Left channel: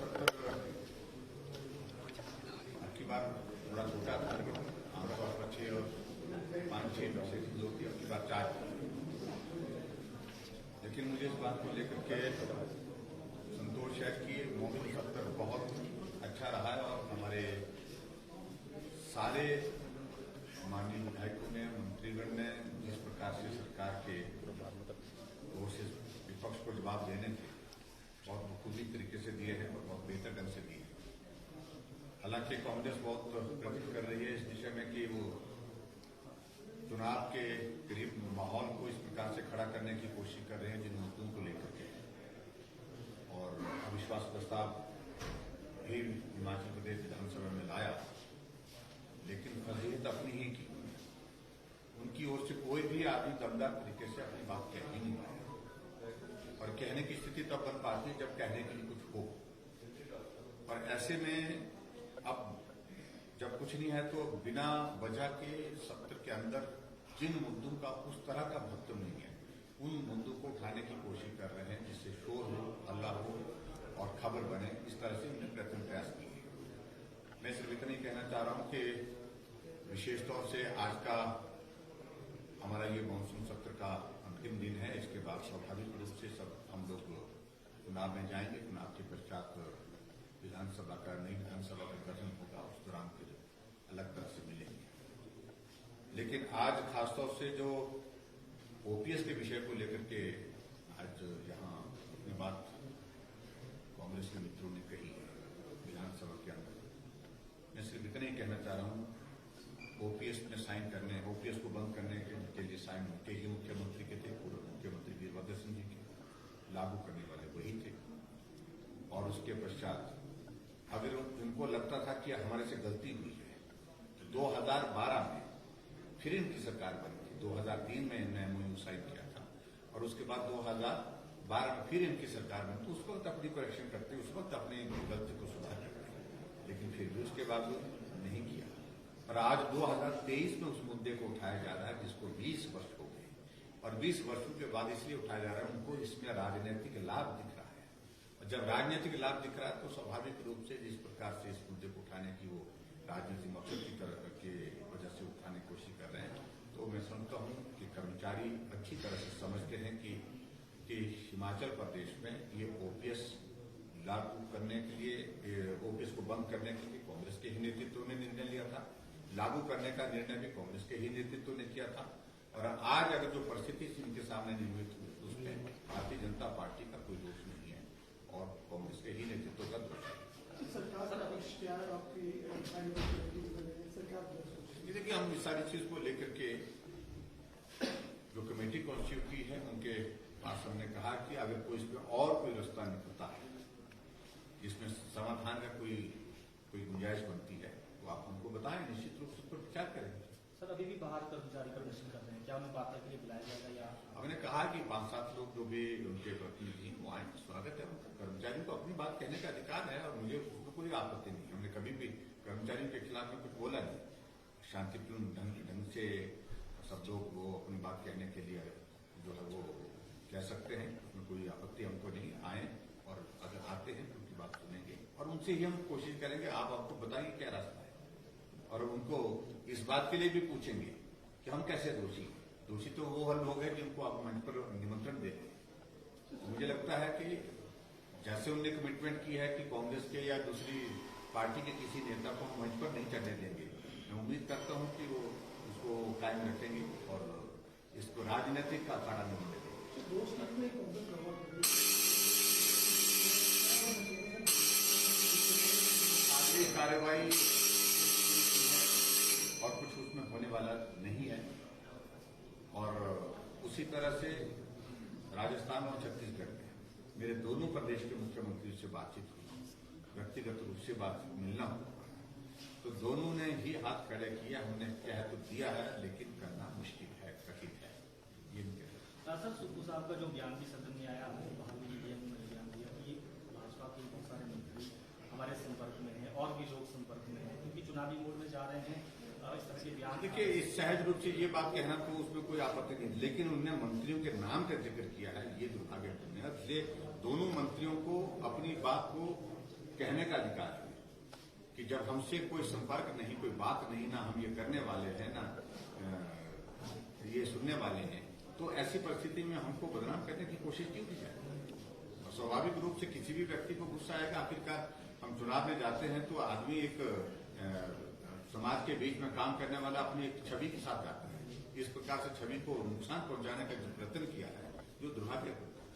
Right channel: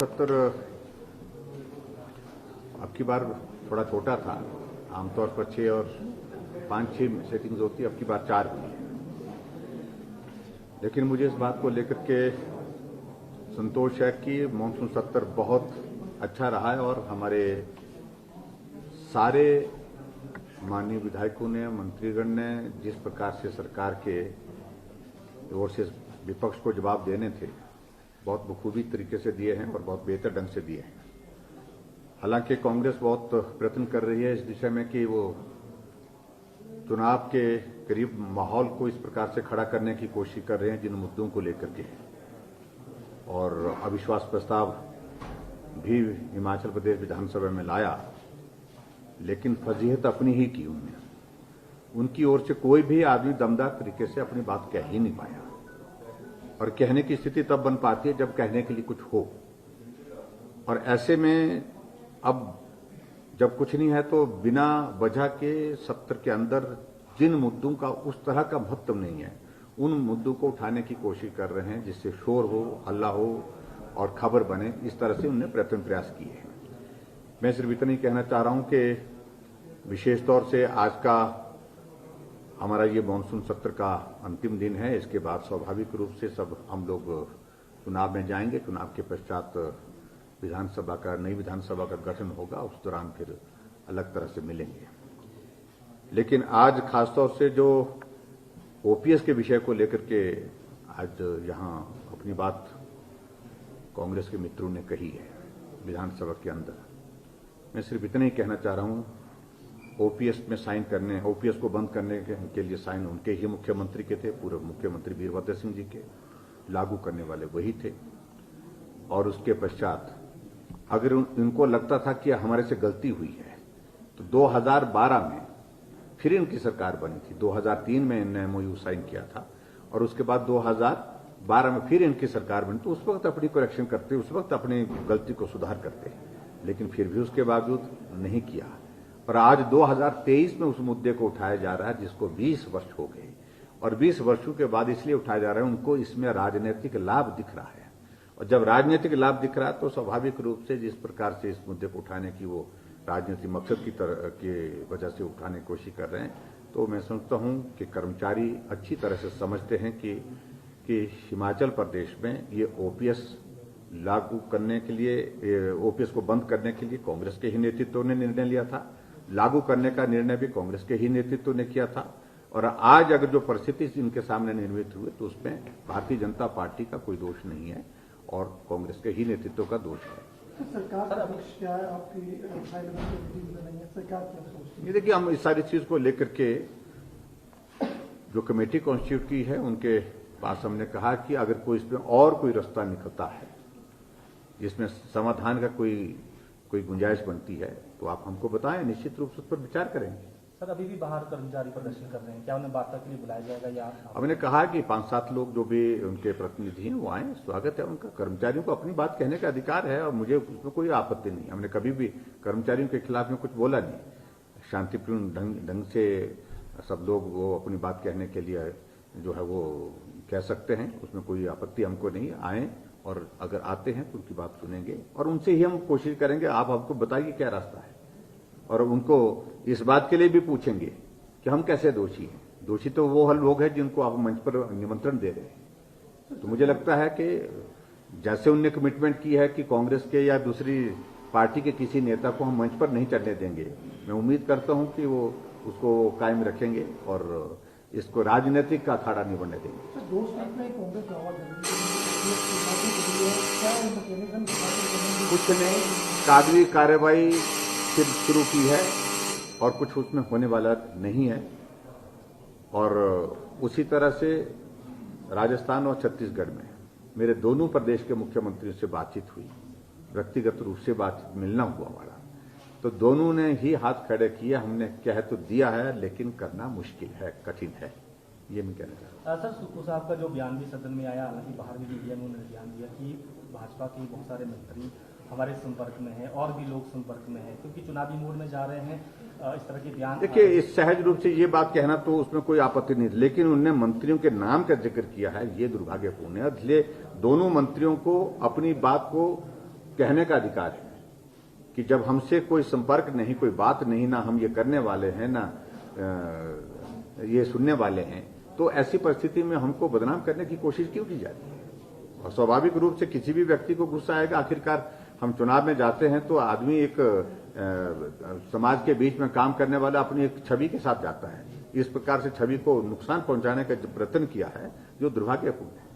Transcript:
सत्र अब की बार थोड़ा छोटा था। आमतौर पर 6 और 5-6 सेटिंग्स होती है, अब की बार 4 की है। लेकिन मुझे इस बात को लेकर के संतोष है कि मानसून सत्र बहुत अच्छा रहा है और हमारे सारे माननीय विधायकों ने, मंत्रीगण ने जिस प्रकार से सरकार के ओर से विपक्ष को जवाब देने थे, बहुत बखूबी तरीके से दिए हैं और बहुत बेहतर ढंग से दिए हैं। हालांकि कांग्रेस बहुत प्रयत्न कर रही है इस दिशा में कि वो चुनाव के करीब माहौल को इस प्रकार से खड़ा करने की कोशिश कर रहे हैं जिन मुद्दों को लेकर के, और अविश्वास प्रस्ताव भी हिमाचल प्रदेश विधानसभा में लाया, लेकिन फजीहत अपनी ही की उन्होंने। उनकी ओर से कोई भी आदमी दमदार तरीके से अपनी बात कह ही नहीं पाया, और कहने की स्थिति तब बन पाती है जब कहने के लिए कुछ हो। और ऐसे में अब जब कुछ नहीं है तो बिना वजह के सत्र के अंदर जिन मुद्दों का उस तरह का महत्व नहीं है, उन मुद्दों को उठाने की कोशिश कर रहे हैं जिससे शोर हो, हल्ला हो और खबर बने। इस तरह से उन्होंने प्रयास किए हैं। मैं सिर्फ इतना ही कहना चाह रहा हूं कि विशेष तौर से आज का हमारा ये मानसून सत्र का अंतिम दिन है। इसके बाद स्वाभाविक रूप से सब हम लोग चुनाव में जाएंगे। चुनाव के पश्चात विधानसभा का, नई विधानसभा का गठन होगा, उस दौरान फिर अलग तरह से मिलेंगे। लेकिन आज खासतौर से जो ओपीएस के विषय को लेकर के आज यहां अपनी बात कांग्रेस के मित्रों ने कही है विधानसभा के अंदर, मैं सिर्फ इतना ही कहना चाह रहा हूं, ओपीएस में साइन करने, ओपीएस को बंद करने के लिए साइन उनके ही मुख्यमंत्री के थे, पूर्व मुख्यमंत्री वीरभद्र सिंह जी के, लागू करने वाले वही थे। और उसके पश्चात अगर उनको लगता था कि हमारे से गलती हुई है तो 2012 में फिर इनकी सरकार बनी थी। 2003 में इन्होंने एमओयू साइन किया था और उसके बाद 2012 में फिर इनकी सरकार बनी, तो उस वक्त अपनी करेक्शन करते, उस वक्त अपनी गलती को सुधार करते, लेकिन फिर भी उसके बावजूद नहीं किया। पर आज 2023 में उस मुद्दे को उठाया जा रहा है जिसको 20 वर्ष हो गए, और 20 वर्षों के बाद इसलिए उठाया जा रहा है, उनको इसमें राजनीतिक लाभ दिख रहा है। और जब राजनीतिक लाभ दिख रहा है तो स्वाभाविक रूप से जिस प्रकार से इस मुद्दे को उठाने की वो राजनीतिक मकसद की तरह के वजह से उठाने की कोशिश कर रहे हैं, तो मैं समझता हूं कि कर्मचारी अच्छी तरह से समझते हैं कि हिमाचल प्रदेश में ये ओपीएस लागू करने के लिए, ओपीएस को बंद करने के लिए कांग्रेस के ही नेतृत्व ने निर्णय लिया था। लागू करने का निर्णय भी कांग्रेस के ही नेतृत्व ने किया था। और आज अगर जो परिस्थिति इनके सामने निर्मित हुई तो उसमें भारतीय जनता पार्टी का कोई दोष नहीं है और कांग्रेस के ही नेतृत्व का दोष है। सरकार का पक्ष क्या है आपकी? सरकार क्या सोचती है? ये देखिए, हम इस सारी चीज को लेकर के जो कमेटी कॉन्स्टिट्यूट की है उनके पास हमने कहा कि अगर कोई इसमें और कोई रास्ता निकलता है जिसमें समाधान का कोई गुंजाइश बनती है तो आप हमको बताएं, निश्चित रूप से उस पर विचार करेंगे। सर, अभी भी बाहर कर्मचारी प्रदर्शन कर रहे हैं, क्या उन्हें वार्ता के लिए बुलाया जाएगा या? हमने कहा कि 5-7 लोग जो भी उनके प्रतिनिधि हैं वो आए, स्वागत है उनका। कर्मचारियों को अपनी बात कहने का अधिकार है और मुझे उसमें कोई आपत्ति नहीं। हमने कभी भी कर्मचारियों के खिलाफ में कुछ बोला नहीं। शांतिपूर्ण ढंग से सब लोग वो अपनी बात कहने के लिए जो है वो कह सकते हैं, उसमें कोई आपत्ति हमको नहीं। आए और अगर आते हैं तो उनकी बात सुनेंगे और उनसे ही हम कोशिश करेंगे, आप हमको बताइए क्या रास्ता है, और उनको इस बात के लिए भी पूछेंगे कि हम कैसे दोषी हैं। दोषी तो वो लोग हैं जिनको आप मंच पर निमंत्रण दे रहे हैं। तो मुझे लगता है कि जैसे उनने कमिटमेंट की है कि कांग्रेस के या दूसरी पार्टी के किसी नेता को हम मंच पर नहीं चढ़ने देंगे, मैं उम्मीद करता हूं कि वो उसको कायम रखेंगे और इसको राजनीतिक का अखाड़ा नहीं बनने देंगे। कुछ ने कागजी कार्रवाई फिर शुरू की है और कुछ उसमें होने वाला नहीं है। और उसी तरह से राजस्थान और छत्तीसगढ़ में मेरे दोनों प्रदेश के मुख्यमंत्रियों से बातचीत हुई, व्यक्तिगत रूप से बातचीत, मिलना हुआ हमारा, तो दोनों ने ही हाथ खड़े किए। हमने कह तो दिया है लेकिन करना मुश्किल है, कठिन है, ये मैं कहना चाहता हूं। सर, सुक्खू साहब का जो बयान भी सदन में आया, हालांकि बाहर भी मीडिया में उन्होंने बयान दिया कि भाजपा के बहुत सारे मंत्री हमारे संपर्क में हैं और भी लोग संपर्क में हैं क्योंकि चुनावी मोड में जा रहे हैं, इस तरह के बयान। देखिए, इस सहज रूप से ये बात कहना तो उसमें कोई आपत्ति नहीं, लेकिन उन्होंने मंत्रियों के नाम का जिक्र किया है, ये दुर्भाग्यपूर्ण है। इसलिए दोनों मंत्रियों को अपनी बात को कहने का अधिकार है कि जब हमसे कोई संपर्क नहीं, कोई बात नहीं, ना हम ये करने वाले हैं, ना ये सुनने वाले हैं, तो ऐसी परिस्थिति में हमको बदनाम करने की कोशिश क्यों की जाती है? और स्वाभाविक रूप से किसी भी व्यक्ति को गुस्सा आएगा। आखिरकार हम चुनाव में जाते हैं तो आदमी एक समाज के बीच में काम करने वाला अपनी एक छवि के साथ जाता है। इस प्रकार से छवि को नुकसान पहुंचाने का जो प्रयत्न किया है, जो दुर्भाग्यपूर्ण है।